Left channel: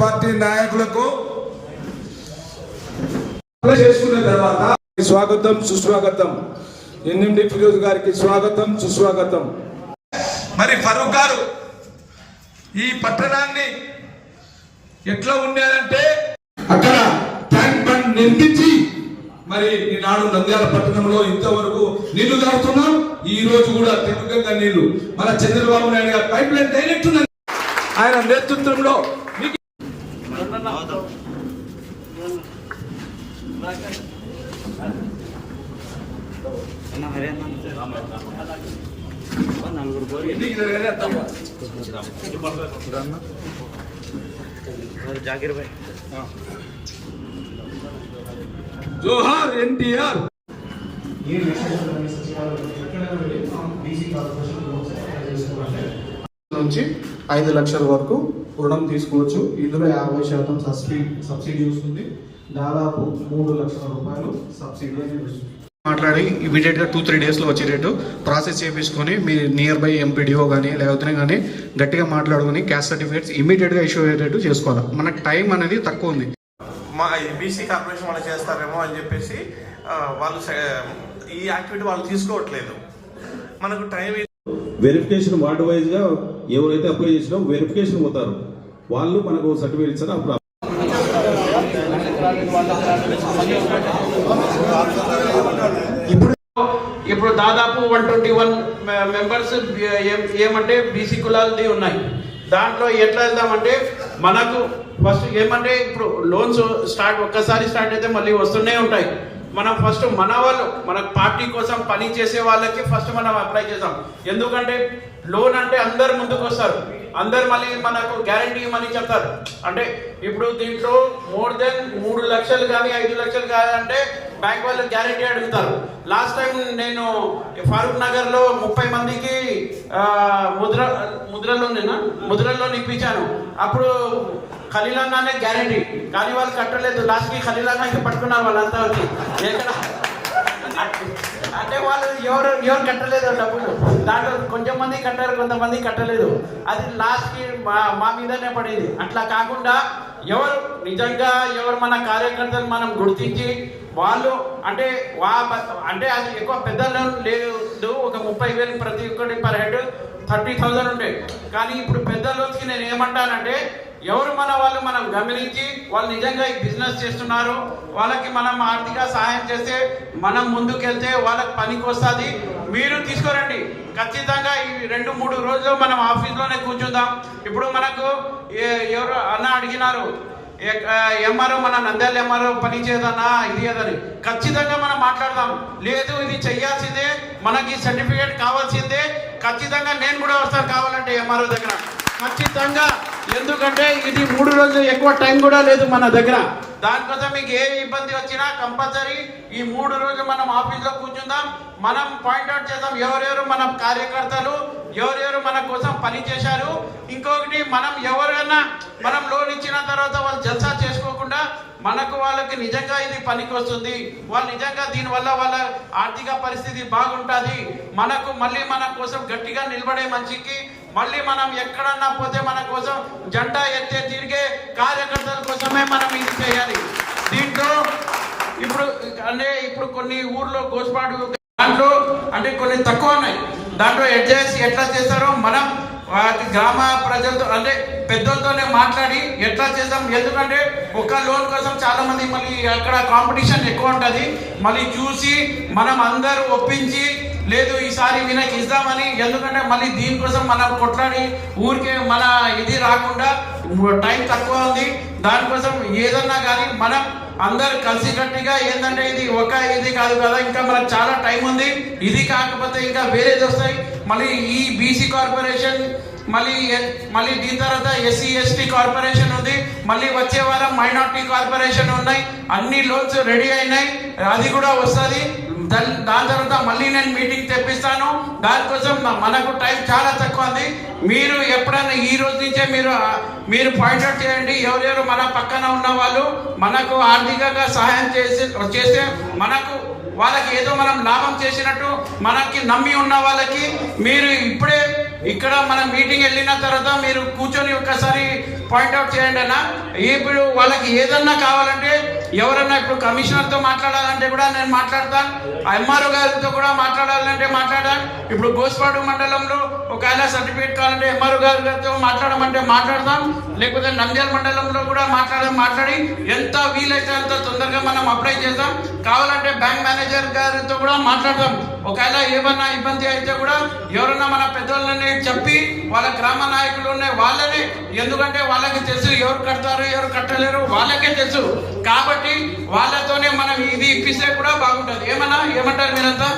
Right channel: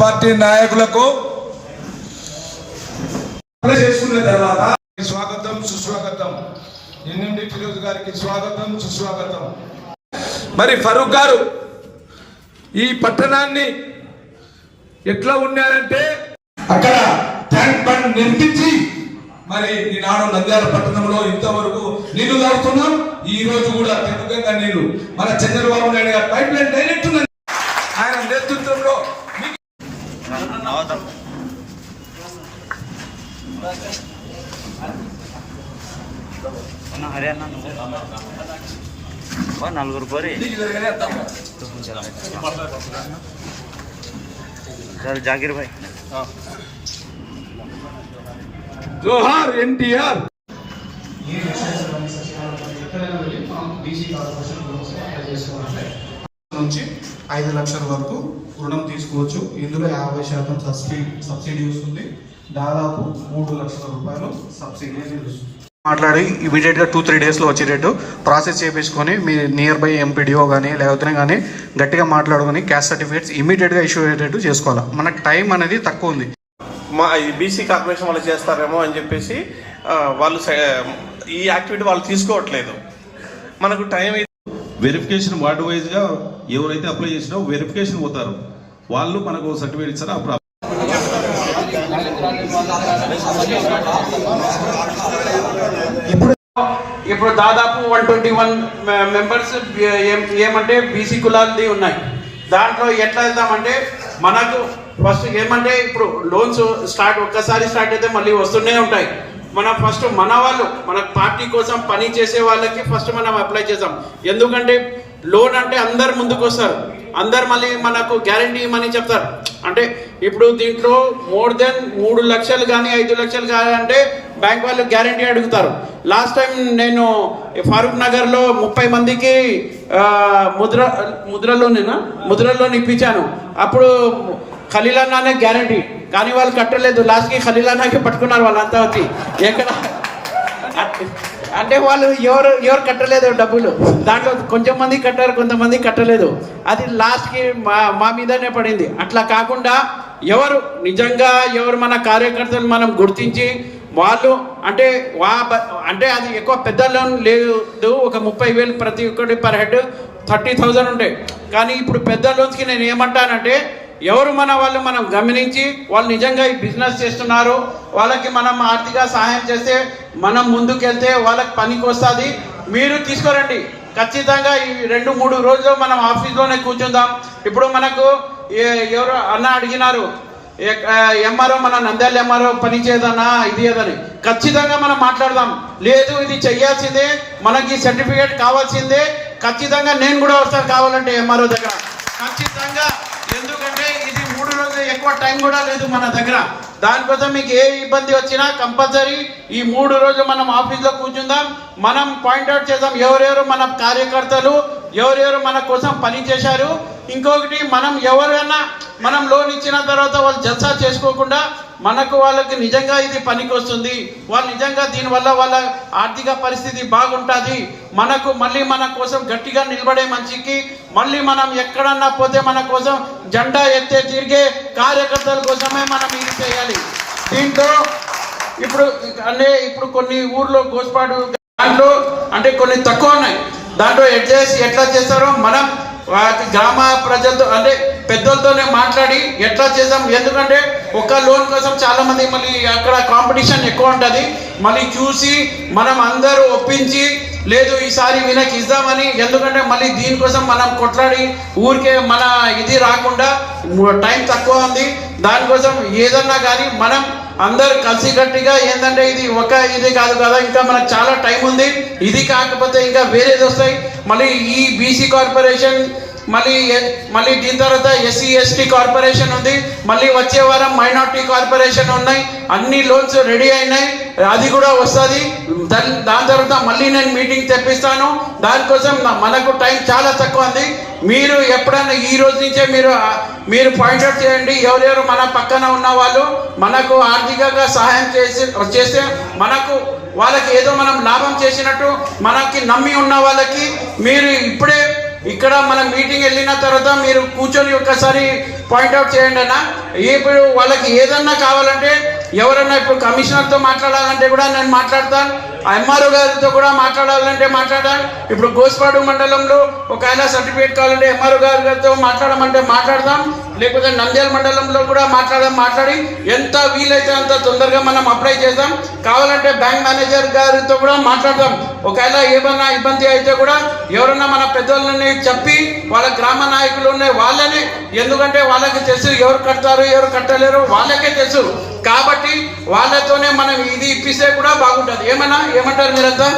Party నాయకులకు చేసుకున్న తర్వాత స్వాగతం సుస్వాగతం. ఎన్ఎండి ఫిరోజ్ గారికి స్వాగతం సుస్వాగతం. మరి ఫరూక్ గారు ఈ పట్టణాన్ని ఎట్లా ఉన్నారంటే అక్కడ ట్యాంక్ బండ్ నిర్మించి మరి ఈనాడు నంద్యాల పట్టణంలో ఇంతవరకు నీళ్ళు దాడుతున్నాం ఈ రోజు కూడా తెప్పకంగా నీళ్ళు. మన చంద్రబాబు నాయుడు గారు పైప్ లైన్ డైరెక్ట్ ఉన్నది. ఆయన నేతృత్వంలో మీకు అన్న నువ్వు. నలుగురు పోరి. జాగిర్ భాయ్. జోహార్ ఎన్టీఆర్. ఏ విషయాలు కానీ సచివాలయం ఎక్కడైనా వెళ్ళి మనం బీసీ కార్పొరేషన్ లోన్స్ అప్లై చేసుకోవాలంటే నుంచి ఐదు లక్షల వరకు రుణం తీసుకోవచ్చు. ఇందులో యాభై శాతం సబ్సిడీ సబ్సిడీ వస్తుంది. దాదాపు మూడు లక్షల రూపాయలు సబ్సిడీ మాట్లాడి ఇమీడియట్గా టూ త్రీ డేస్లో వచ్చేటట్టు ప్రాసెస్ చేపించుకొని మీ నియర్ బై ఎంపీడీఓ కానీ లేకపోతే కానీ గట్టిగా మాట్లాడుకొని క్యాస్ట్ సర్టిఫికేట్స్ ఇమీడియట్గా ఇష్యూ అయ్యేటట్టు చేసుకోవాలి. మనకు టైం అనేది తక్కువ ఉంది. మా బీసీ కార్పొరేషన్ వాళ్ళు చేస్తారేమో అని చెప్పేసి వాళ్ళు ఈ యాక్టివిటీ వాళ్ళు తీసుకోవట్లేదు. మనకు టైం అయితే వెరిఫికేషన్ వార్డు వైజ్గా ఎవరైతే అప్లై చేసినో వెరిఫికేషన్ పోతారు. వాళ్ళు మనకు సర్టిఫికేట్ ఇస్తారు ఇప్పుడు ఇప్పుడు దాదాపు వన్ ట్వంటీ వన్ మెంబర్స్ ఏమంటే బీసీ కులాలది ఉన్నాయి. దాంట్లో ఎట్లా వెళ్దామంటే మనకు ఫస్ట్ ఏమంటే ఇప్పుడు లోన్స్ స్టార్ట్ ఒక్కసారి స్టార్ట్ అయితే మళ్ళీ వస్తూనే ఉంటాయి. మనం ఫస్ట్ మన వాళ్ళు మన పార్టీ కోసం పని చేసే వాళ్ళకి ఫస్ట్ మనం అప్లై చేద్దాం. ఎందుకంటే లోన్ అంటే అందరు ముందుకు వస్తారు అందరు మళ్ళీ మనకు గ్యారంటీ ఇవ్వమని చెప్తారు. అంటే ఇప్పుడు దీంట్లో మోర్ దెన్ మూడు లక్షలు కానీ ఐదు లక్షలు కానీ అంటే బ్యాంక్ వాళ్ళు గ్యారంటీ అడుగుతారు. లాస్ట్ టైం నేను ఫారూక్ నగర్లో ముప్పై మందికి ముద్ర ముద్ర ముద్రలోనేనా? ముద్రలోని ఇప్పించాను. అప్పుడు ఖలీలానానే గ్యారంటీ. కానీ వాళ్ళు కట్టలేదు. లాస్ట్కి ఖలీలానాకే పట్టుకున్నారు వాళ్ళంతా వచ్చి. ఎక్కడ? అంటే వాళ్ళు ఎవరు ఎవరు కట్టలేదు డబ్బులు. దాంట్లో కొంచెం మంది కట్టారు కొంతమంది కట్టలేదు. అది లాస్ట్కి మా మా మీదనే పడింది. అట్లా కాకుండా ఎవరు నిజంగా ఎవరు మన కార్యకర్తలు మనం గుర్తించి వాళ్ళు అంటే వా అంటే అది ఎక్కువ పెద్ద లోన్ లేదు. ఒక ముప్పై వేలు ప్రతి ఒక్కటి పర్ హెడ్ థర్టీ థౌజండ్ ఉంటాయి కానీ ఇప్పుడు పెద్ద లోన్స్కి నేను ఏమంటానంటే ఎవరు మన వాళ్ళు మనం గమనించి వాళ్ళు నిజంగా ఈ బిజినెస్ చేస్తున్నారు వాళ్ళకి మనం ఆర్థిక సహాయం చేస్తే మనం ముందుకెళ్తే వాళ్ళకి పనికి వస్తుంది మీరు తీసుకురండి. ఖచ్చితంగా ఈ రెండు మూడు రోజులు మనం ఆఫీస్లోనే కూర్చుందాం. ఇప్పుడు మనకు ఎవరు అన్న అడిగినారు ఎంఆర్ఓ మన నంద్యాల ఎంఆర్ఓ పని చేయదన్నా ఇది ఏదని. ఖచ్చితంగా మనం మాట్లాడదాం. లేదు ఇది చెయ్యాల్సిందే మనకి సర్టిఫికేట్ కావాల్సిందే ఖచ్చితంగా నేను కూడా వస్తాను కావాలంటే ఎంఆర్ఓ దగ్గర. ఖచ్చితంగా ఎందుకంటే ఇది మూడు రోజులు ఎక్కువ టైం కూడా లేదు మన దగ్గర. దానికోసం మీకు ఏ ఇబ్బంది వచ్చినా కంపల్సరీ ఈ మూడు రోజులు మనం ఆఫీస్లో కూర్చుందాం. మనం పాయింట్అవుట్ చేద్దాం. ఎవరెవరు మన కార్యకర్తలు ఎవరెవరు మన కోసం పని చేశారు? ఇంకొకటి మనం ఎవరైనా మనం లోన్ ఇచ్చిన తర్వాత వాళ్ళు జల్సా చేసుకోకుండా మనకు వాళ్ళకి నిజంగా ఇది పనికి వస్తుంది వాళ్ళు నిజంగా దీనివల్ల వాళ్ళ ఆర్థిక పరిస్థితి బాగుంటుంది. మనకు మళ్ళీ మన కోసం గట్టిగా నిలబడే మనిషికి మళ్ళీ మనం ఎక్కడన్నా పోతే మన కోసం జెండా ఎత్తే తిరిగే కార్యకర్తల కోసమే మనం ఇది చేయాలి. దీంట్లో ఇప్పుడు అంటే ఇప్పుడు కొన్ని ఊర్లో గోస్పాడు దాంట్లో అంటే కొన్ని తక్కువ ఉన్నాయి. దాంట్లో అడ్జస్ట్ ఎట్లా చేస్తారో మనం వాటి గ్రామ ప్రజలతో అంటే పెద్దలతోనే మాట్లాడి ఎట్లా చేద్దాం? ఎందుకంటే ఒక లోన్ కోసం చాలా మంది మళ్ళీ అక్కడ కాంపిటీషన్ ఎక్కువ ఉంటుంది. మళ్ళీ చూసి మనం అందరూ ఒప్పించి లేదు ఈసారి వీళ్ళకి ఇద్దామని ఎందుకంటే మళ్ళీ దీనికోసం మనం కొట్లాడి ఊరికే మన ఇది రాకుండా టైం తక్కువ ఉంది. దానికోసం ఏదన్నా కానీ మనం అందరు కలిసికట్టిగా ఏంటంటే ఇది ఒక ఇది కాదు కదా ఇంకా మనకు చాలా టైం ఉంది. ఇది కాకపోతే ఇంకా వేరేది వస్తాయి. మళ్ళీ ఈ బీసీ కార్పొరేషన్ మళ్ళీ మళ్ళీ దీని తర్వాత ఎస్సీ ఎస్టీ కార్పొరేషన్ ఉంది. మళ్ళీ వచ్చే వారం మైనార్టీ కార్పొరేషన్ ఉన్నాయి. అన్ని లోన్స్ రెడీ అయినాయి. అది కూడా వస్తుంది. దాని దాని తర్వాత మళ్ళీ నేను మీటింగ్ దానికోసం మనకు టైం చాలా తక్కువ ఉంది మీరు ఎప్పుడైనా ఈ రోజు నుంచే మీరు మీరు పాయింట్అవుట్ చేయండి. ఎవరెవరు మన పక్కన ఉన్న వాళ్ళు మనకు ఆర్థికంగా సహాయం చేసి చేస్తే మనకు వాళ్ళకి ఏదో మనం లాభం చేసినట్టు మనకి నమ్మి ఉన్న వాళ్ళకి మీరు ఇప్పుడే ఇక్కడ మనం మీటింగ్ వెళ్ళిన తర్వాత మీరు కూర్చొని ఒక్కసారి పాయింట్అవుట్ చేయండి అన్న. ఇప్పుడు వాళ్ళకి ఏదన్నా కావాలంటే ఎవరన్నా ఇప్పుడు కమిషనర్తో మాట్లాడాలంటే కూడా నేను మాట్లాడతాను ఎంఆర్ఓ గారితో కూడా మాట్లాడాలంటే మాట్లాడాలి. ఇప్పుడు గోస్పాడు మండలంలో ఒక ఆయన సర్టిఫికేట్ కావాలంటే ఎంఆర్ఓ గారి గారితో మాట్లాడమంటే మాట్లాడదాం. లేకపోతే నంద్యాల మండలంలో కూడా మాట్లాడడం మాట్లాడి ఎంత వీలైతే అంత తొందరగా మనం అప్లై చేద్దాం. కావాలంటే బ్యాంక్ మేనేజర్ గారితో కూడా మాట్లాడదాం. ఒకవేళ ఏమన్నా ఇబ్బంది అయితే కూడా ఎవరన్నా మన పెద్దోళ్ళని చెప్పి వాళ్ళ గ్రామ నాయకులు ఉన్నాయి వాళ్ళని ఎందుకంటే వాళ్ళకి తెలుసు ఎవరు కడతారు ఎవరు కట్టలేరు వాళ్ళకే తెలుసు. కాబట్టి వాళ్ళతోనే మనం ఇది ఇప్పిస్తే కూడా బాగుంటుంది. ఏమన్నా? ఏమంటారు మీరంతా?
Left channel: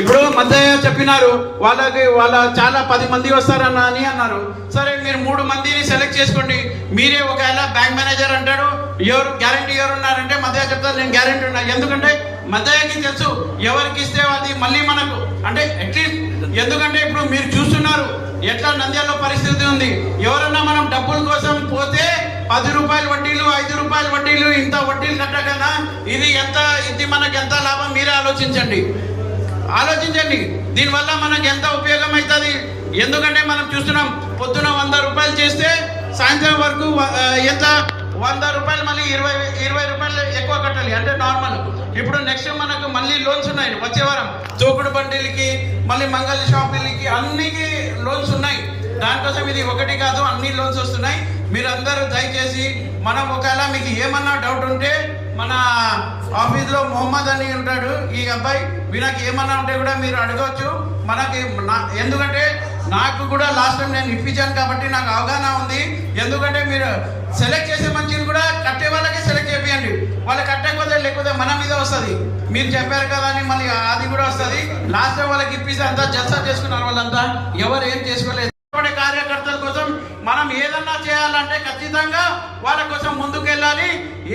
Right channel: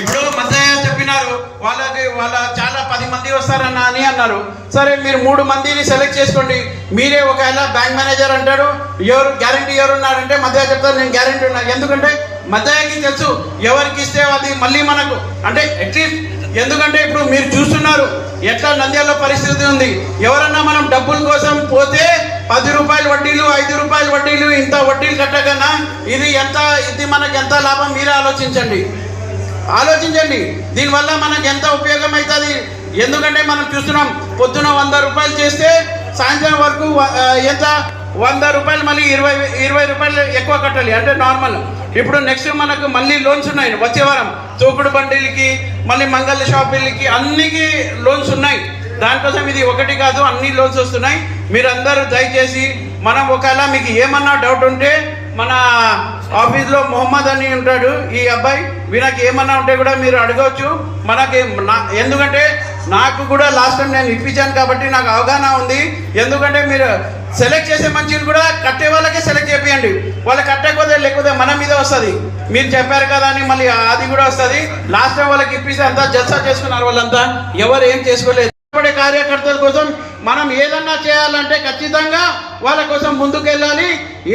ఇప్పుడు మధ్య చెప్పినారు వాళ్ళకి వాళ్ళ చాలా పది మంది వస్తారన్న అని అన్నారు. సరే మీరు మూడు మందిని సెలెక్ట్ చేసుకోండి. మీరే ఒకవేళ బ్యాంక్ మేనేజర్ అంటాడు ఎవరు గ్యారంటీ ఎవరు ఉన్నారంటే మధ్య చెప్తారు నేను గ్యారంటీ ఉన్నా. ఎందుకంటే మధ్యకి తెలుసు ఎవరికి ఇస్తే అది మళ్ళీ మనకు. అంటే అట్లీస్ట్ ఎందుకంటే ఇప్పుడు మీరు చూస్తున్నారు ఎట్లా నంద్యాల పరిస్థితి ఉంది. ఎవరన్నా మనం డబ్బుల కోసం పది రూపాయలు వడ్డీలు ఐదు రూపాయలు వడ్డీలు ఇంత వడ్డీలు కట్టకన్నా ఇది ఎంత ఇది మనకు ఎంత లాభం మీరే ఆలోచించండి. ఆలోచించండి. దీనివల్ల మనకు ఎంత ఉపయోగం అవుతుంది? ఎందుకంటే మనం చూస్తున్నాం పొద్దున వంద రూపాయలు చేస్తే సాయంత్రం వరకు ఎంత? వంద రూపాయలు మళ్ళీ ఇరవై ఇరవై రూపాయలు ఎక్కువ కట్టాలి అంటే నార్మల్ ఇప్పుడు నెక్స్ట్ మనకు మళ్ళీ లోన్స్ ఉన్నాయి. వచ్చే వారం తోకుడు బండిలకి మళ్ళీ మంగళ షాపులకి అన్నికి లోన్స్ ఉన్నాయి. దానికోసం ఇది ఒకటి కాదు అన్ని లోన్స్ వస్తున్నాయి. మీరందరూ దయచేసి మనం ఒకవేళ మీకు ఏమన్నా డౌట్ ఉంటే మన ఆఫీస్లో మొహమ్మద్ అని ఉంటాడు ఈ అబ్బాయి వీళ్ళకి ఏమన్నా ఉంటే కూడా మీరు అడగవచ్చు మనకి ఎందుకంటే నాకు కూడా లాస్ట్ టైం నేను ఇప్పించాను కాబట్టి నాకు అవగాహన ఉంది. ఎందుకంటే మీరు సెలెక్ట్ చేసే మంచిది కూడా కట్టే వాళ్ళకే సెలెక్ట్ చేయండి వాళ్ళు కట్టకపోతే లేకపోతే మన మీద వస్తుంది. మీరు చెప్పారు కదా అని మళ్ళీ అది కూడా వస్తుంది. లాస్ట్ టైం వాళ్ళకి ఇప్పిస్తే అంతా జల్సా చేసుకున్నారు వాళ్ళంతా. ఎవరు ఏం చేసుకోలేదు. ఇష్టపడే కార్యకర్తల కోసం మనం ఏదన్నా చేయాలంటే ఖచ్చితంగా వాళ్ళ కోసం ముందుకెళ్ళాలి.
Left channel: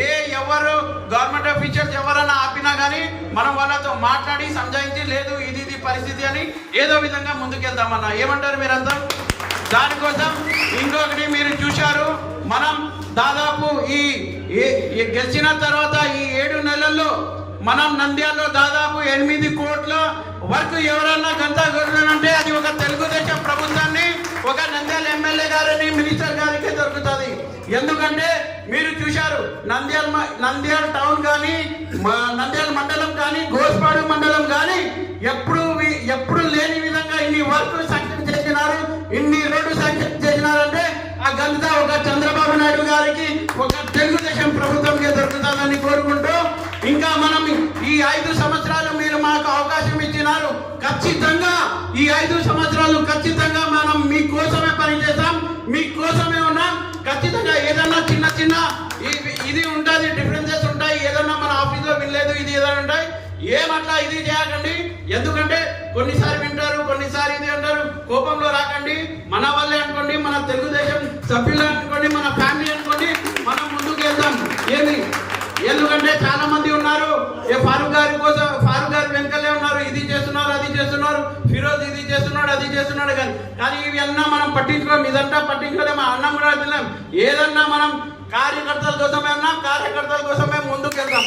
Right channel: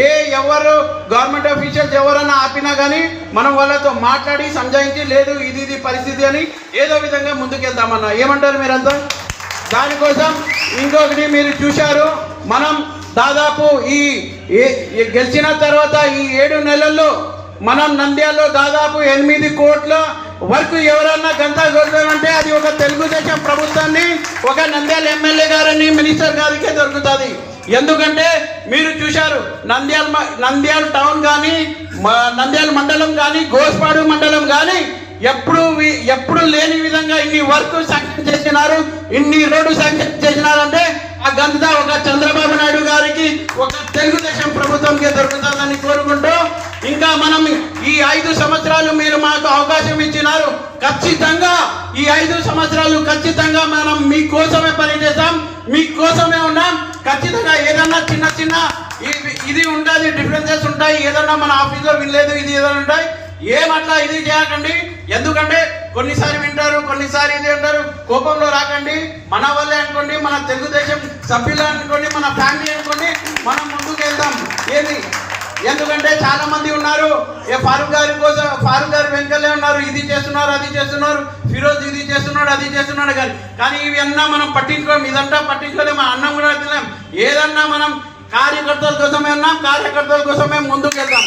ఏ ఎవరు గవర్నమెంట్ ఆఫీషియల్స్ ఎవరన్నా ఆపినా కానీ మనం వాళ్ళతో మాట్లాడి సంజాయించి లేదు ఇది ఇది పరిస్థితి అని ఏదో విధంగా ముందుకెళ్తామన్నా. ఏమంటారు మీరంతా? దానికోసం ఇంకొకటి మీరు చూశారు. మనం దాదాపు ఈ గెలిచిన తర్వాత ఈ ఏడు నెలల్లో మనం నంద్యాలలో దాదాపు ఎనిమిది కోట్ల వరకు ఎవరైనా గంతా కొట్టాలంటే అది ఒక తెలుగుదేశం ప్రభుత్వాన్ని ఒక నంద్యాల ఎమ్మెల్యే గారని మినిస్టర్ గారికే దొరుకుతుంది. ఎందుకంటే మీరు చూశారు నంద్యాల నంద్యాల టౌన్ కానీ నంద్యాల మండలం కానీ గోస్పాడు మండలం కానీ ఎప్పుడు ఎప్పుడు లేని విధంగా ఇన్ని వర్క్ శాంక్షన్ చేసినారు ఇన్ని రోడ్డు శాంక్షన్ చేసినారంటే ఆ గంతా ఒక చంద్రబాబు నాయుడు గారికి ఒక తెలుగుదేశం ప్రభుత్వంకే దొరుకుతుందని కోరుకుంటున్నాను ఇంకా మనం ఈ ఐదు సంవత్సరాలు మీరు మాకు అవకాశం ఇచ్చినారు. ఖచ్చితంగా ఈ ఐదు సంవత్సరాలు ఖచ్చితంగా మనం మీకోసమే పనిచేస్తాం మీకోసమే ఉన్నాం. ఖచ్చితంగా ఏదన్నా చిన్న చిన్న ఇది ఉంటుంది డిఫరెన్సెస్ ఉంటాయి. ఏదన్నా మన ఆఫీస్లో వినలేదు ఇది ఏదైనా ఉంటాయి. ఏమట్లా ఇది చేయకండి. ఎందుకంటే కొన్నిసారి వింటారు కొన్నిసారి ఇది అంటారు. కోపంలో రాకండి. మన వల్లే అనుకోండి మన తెలుగుదేశం సభ్యులు అనుకోండి మన ఫ్యామిలీ అనుకోండి మనం ముందుకు వెళ్దాం ఏంది? ఎందుకంటే చాలా మంది ఉన్నారు. ఏ ఫారూక్ గారి కోసం ఫారూక్ గారు వెంకలే ఉన్నారు. ఇది చేస్తున్నారు అది చేస్తున్నారు. ఫిరోజ్ ఇది చేస్తున్నాడు అది చేస్తున్నాడు కానీ కానీ ఇవి మనం పట్టించుకోం. ఇదంతా పట్టించుకోలేము మా అన్నం కూడా తినలేం. ఏదన్నా మనం కార్యకర్తల కోసమే ఉన్నాం కార్యకర్తల కోసమే ముందుకు వెళ్దాం.